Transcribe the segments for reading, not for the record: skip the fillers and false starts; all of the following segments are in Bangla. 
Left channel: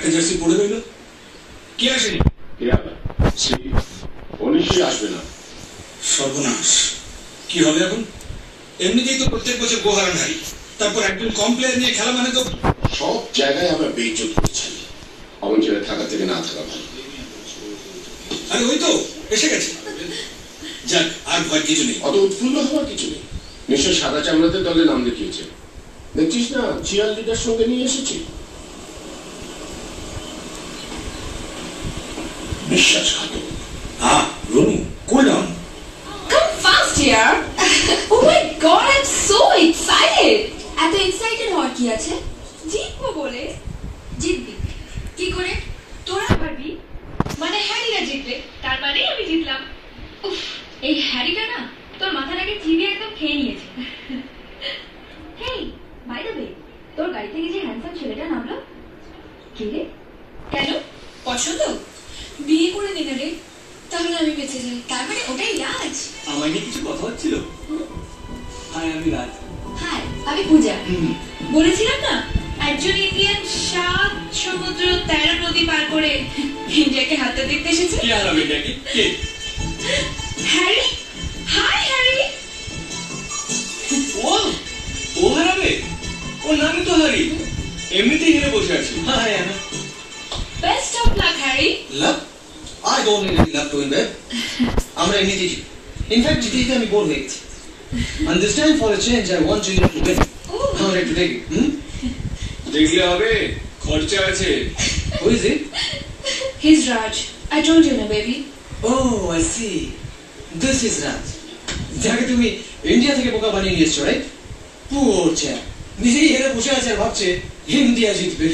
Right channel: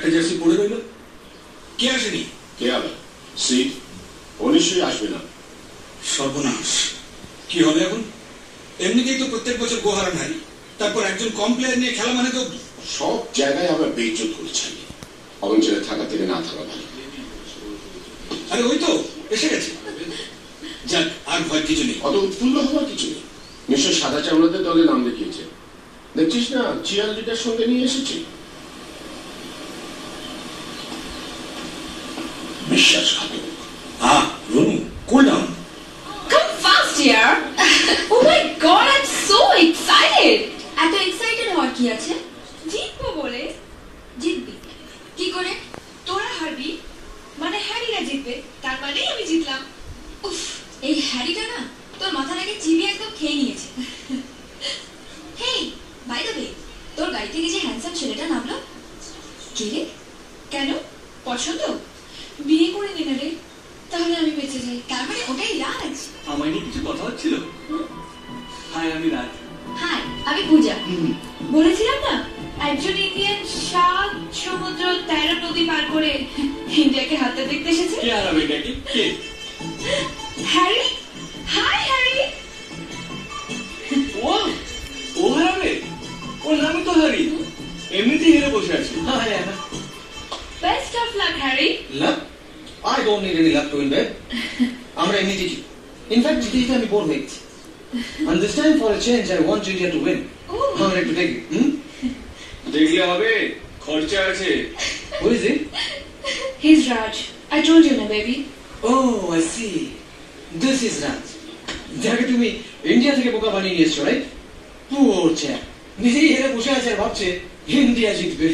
একটা জার্সি পড়ে রইল। কে আসেনি? কে হবে? ও নিশ্চয়ই আসবে না। সর্বনাশ, কি হবে এখন? এমনিতেই তো প্রত্যেক বছর গোহারান হারি, তারপর একজন কম প্লেয়ার নিয়ে খেলা মানে তো সব জায়গায় আমরা বেইজ্জত করছি। অবঞ্চনে থাকা থেকে না থাকা ভালো। আরে ওই তো এসে গেছে। যাক, আর ভয় কিছু নেই। অত উৎফুল্ল হওয়ার কিছু নেই। নিশ্চয় সাদা চামড়াদের দলে নাম দেখিয়েছে। দেখছিস না, চিয়ার লিডার সঙ্গে নিয়ে এসেছি। বিশ্বাসঘাতক। হ্যাঁ, Runu, cool down. Come fast here. Oh my god, I'm so excited. এত এক্সাইটেড হওয়ার কি আছে? জিতবো বলে। জিতবি কি করে? তোরা হারবি মানে হ্যারিরা জিতবে, তার মানে আমি জিতলাম। উফ, এই হ্যারিটা না তোর মাথার আগে চিবি একদম খেয়ে নিয়েছে। হেই, বাই দ্য ওয়ে, তোর গাড়ি থেকে যে হ্যান্ডসাম ছেলেটা নামলো, কে রে? কেন পছন্দ? বিয়ে করে নিলে রে, তাহলে আমি বেঁচে যাই। তার মানে ওটাই রাজ। আমার নিয়ে কিছু কথা হচ্ছিল। হাই, আমি রাজ। হাই, আমি পূজা। বলেছিলাম না, একজন ইন্ডিয়ান 7 সমুদ্র 13 নদী পার করে ইন্ডিয়াকে হাতে দেখতে এসেছে। কে হারাবে এটাকে? কে? হ্যারি। Hi Harry. ও হারাবে? ওর নামই তো হ্যারি। এমনিতেই হেরে বসে আছি। Hi Anna. Best of luck Harry. Love? I don't need any luck to win, babe. আমরা এমনি জিতি। In fact, জিতে আমি বোর হয়ে গেছি। And this time for a change, I want Julia to win. Oh. I'm ready to take it. দেখলে হবে, খরচা আছে। Who is it? He's Raj. I told you na baby. Oh, I see. This is Raj. যাকে তুমি ইন্ডিয়া থেকে বোকা বানিয়ে নিয়ে এসছো, রাইট? Poor chap. নিজেই হেরে বসে আছে আর ভাবছে ইন্ডিয়া জিতবে।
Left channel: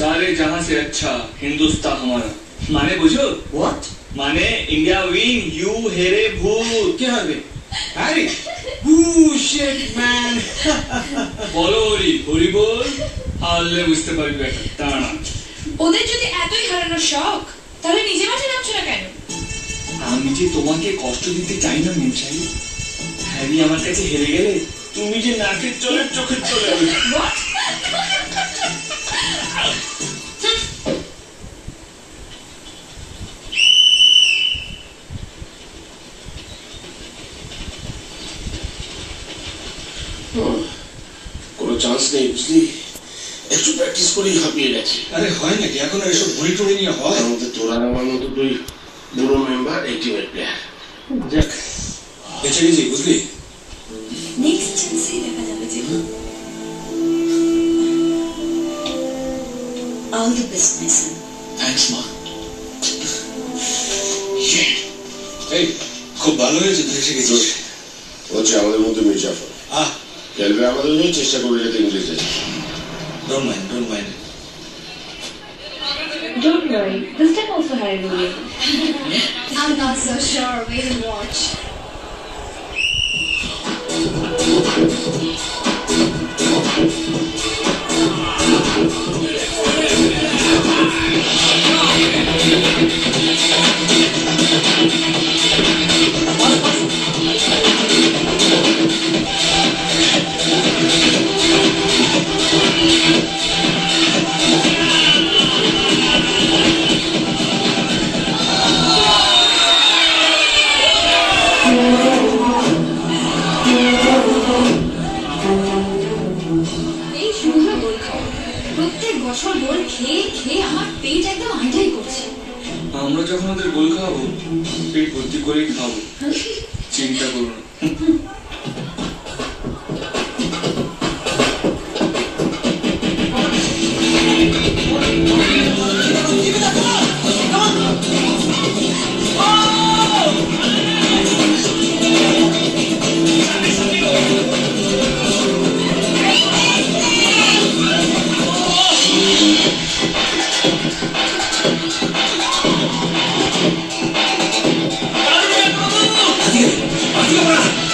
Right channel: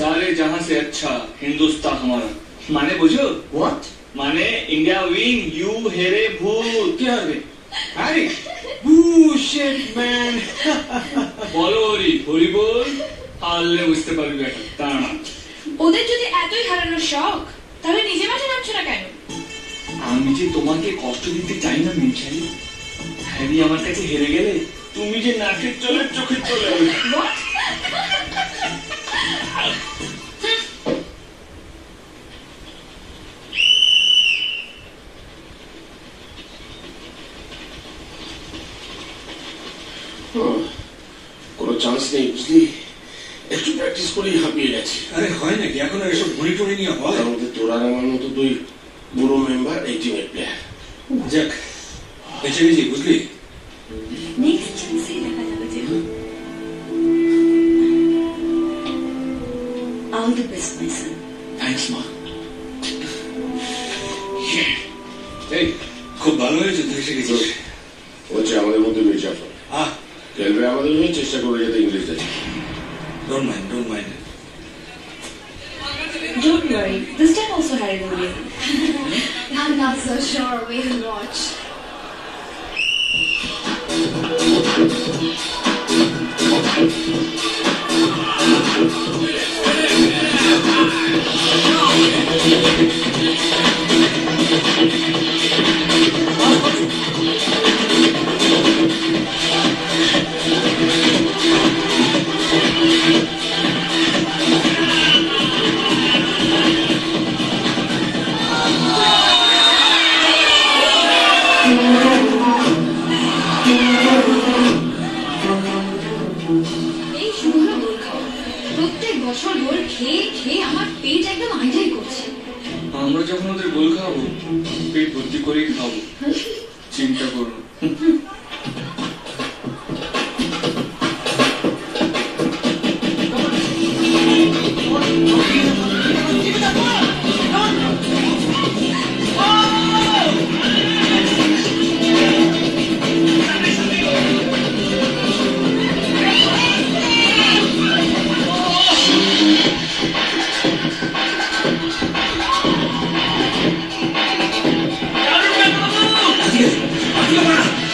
सारे जहां से अच्छा हिंदुस्तान हमारा। মানে বুঝো? What? মানে ইন্ডিয়া উইন, ইউ হেরে ভূত। কে হারবে? হ্যারি? Bullshit, man. বলো হরি, হরি বল। হারলে বুঝতে পারবি বেটা, দাঁড়া। ওদের যদি এতই হারানোর শখ, তাহলে নিজে মাঠে নামছো না কেন? আমি যে তোমাকে কষ্ট দিতে চাই না মিনচাই। হ্যারি আমার কাছে হেরে গেলে তুমি যে নাকের চলে চোখের চলে যাবে। What? কোনো চান্স নেই, বুঝলি? একটু প্র্যাকটিস করেই হাঁপিয়ে গেছে। আরে হয় নাকি এখন আর এসব ঘুরি টুরি নিয়ে হয়? আমাদের তোর আর আমার মতো দুই বুড়ো মেম্বার এই টিমের প্লেয়ার। যাক, বেঁচে গেছি, বুঝলি? নেক্সট চান্সেই দেখা যাবে যে। All the best, my son. Thanks মা। এই, খুব ভালো হয়েছে তুই এসে গেছিস। হচ্ছে আমাদের মধ্যে মির্জাফর। খেলবে আমাদের হয়ে, চেষ্টা করবে যাতে ইংলিশ আছে। Don't mind, don't mind. Don't worry, this time also Harry will win. I'm not so sure. We will watch. এই শুকনো গোল খাও। প্রত্যেক বছর গোল খেয়ে খেয়ে আমার পেট একদম আইটাই করছে। আমরা যখন ওদের গোল খাওয়াবো, পেট ভর্তি করেই খাবো, চিন্তা করো না। Adiós, adiós.